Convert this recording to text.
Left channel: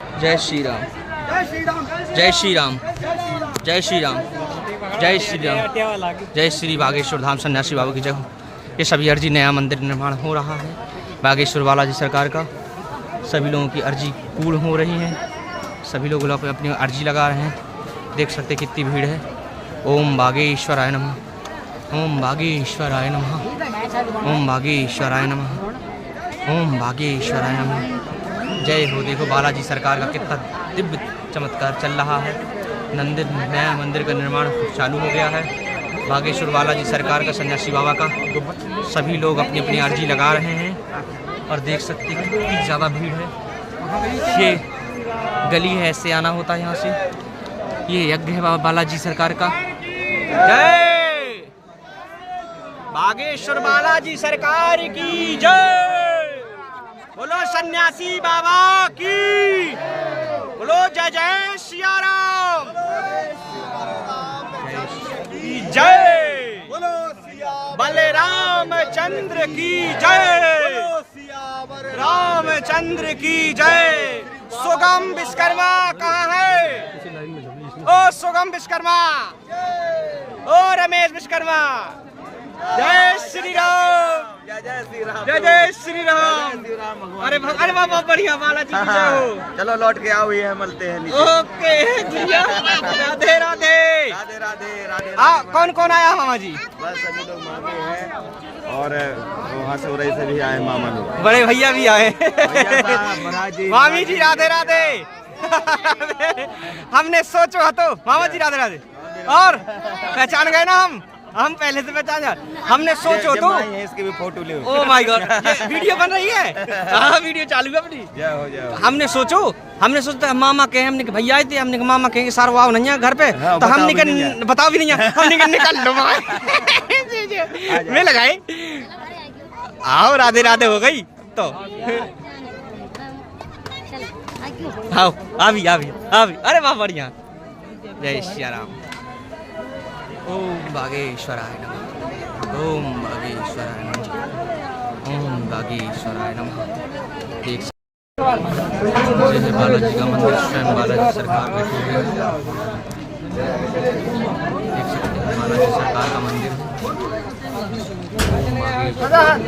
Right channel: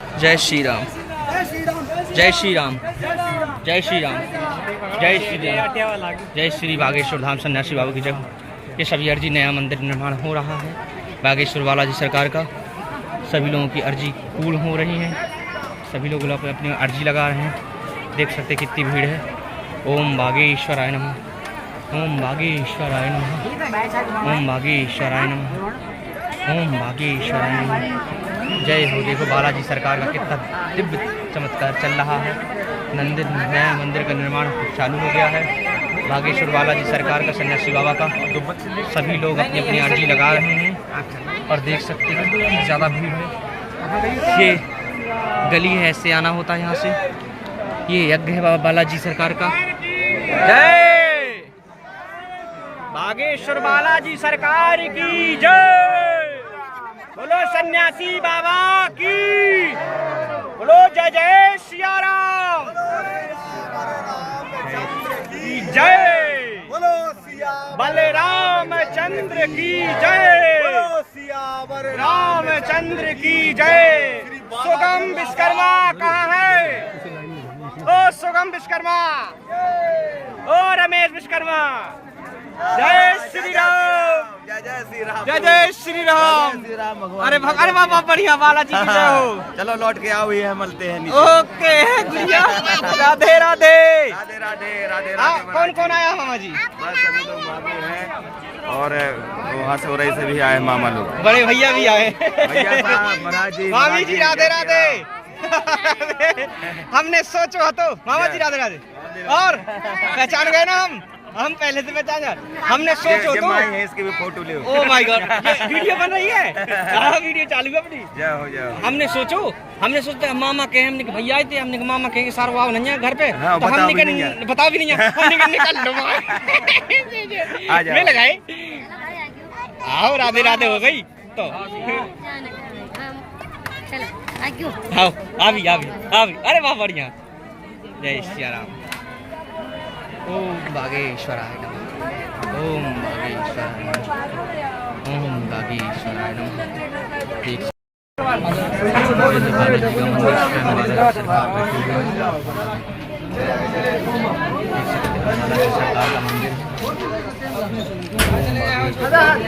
जय श्री राम, जय श्री राम, जय श्री राम, जय श्री राम, जय श्री बागेश्वर धाम सन्यासी बाबा की जय। ये सभी अर्जी नया मंदिर निर्माण हो रहा है बागेश्वर बालाजी सरकार का। सभी लोगों की अर्जी पूर्ण हो रही है, सभी लोग अपनी अर्जी लगा रहे हैं। देख सकते कितनी भीड़ है। ओम बागेश्वराय नमः, ओम बागेश्वराय नमः, ओम बागेश्वराय नमः, ओम बागेश्वराय नमः। जय हो। देखो बालाजी सरकार का कितना दिव्य चमत्कार चल रहा है। नया मंदिर का निर्माण चालू हो गया है बागेश्वर बालाजी सरकार का, सन्यासी बाबा का। सभी लोग अपनी अपनी अर्जी लगा रहे हैं और देख सकते हैं कितनी ज़्यादा भीड़ है। ये गली है, ऐसे आना होता है यहाँ से। ये यज्ञ है बालाजी सरकार का। जय बागेश्वर बालाजी सरकार की जय। बोलो सन्यासी बाबा की, बोलो जय जय सिया राम की जय, बोलो बलराम चंद्र की जय, रामचंद्र की जय। सुगम विश्वकर्मा कहाँ है? ओ सुगम विश्वकर्मा, ओ रमेश विश्वकर्मा। जय श्री राम, जय जय श्री राम, जय जय श्री राम। अरे बाबा बढ़िया बालाजी की जय हो। चलो लौट के आओ, ये मिलते हैं नीचे। ओके राधे राधे राधे राधे राधे। कौन कौन आया मामा जी? बस सभी लोग मामी हैं और वहाँ से उरई से भी आए मामा लोग, बड़े भैया भी आए। भैया साहब, महाराज जी, मामी जी राधे राधे। हमने सोचो तो मामा जी राधे राधे। और पहचान गए ना हम पहले से पहचान गए। हमने सोचो तो इसकी भी फोटो ले। ओ माय गॉड, वीडियो बन रही है। हाँ वीडियो चालू है अपनी। जय हो जय हो। हमने सोचा मामा कहे, हमने भैया आए थे, हमने मामा कहेंगे सारा वाव नहीं है घर पे, तो हमने कहा बताओ भी नहीं है, हमने निकल लो मैं लगाए। आओ राधे राधे हो गई तो आओ अभी अरे वाह बढ़िया। जय श्री राम। ओम बागेश्वराय नमः, ओम बागेश्वराय नमः, ओम बागेश्वराय नमः। देख जैसे बालाजी का मंदिर, स्वयं बालाजी सरकार बैठी हुई है। देख सकते हैं बालाजी सरकार का मंदिर। ओम बागेश्वराय।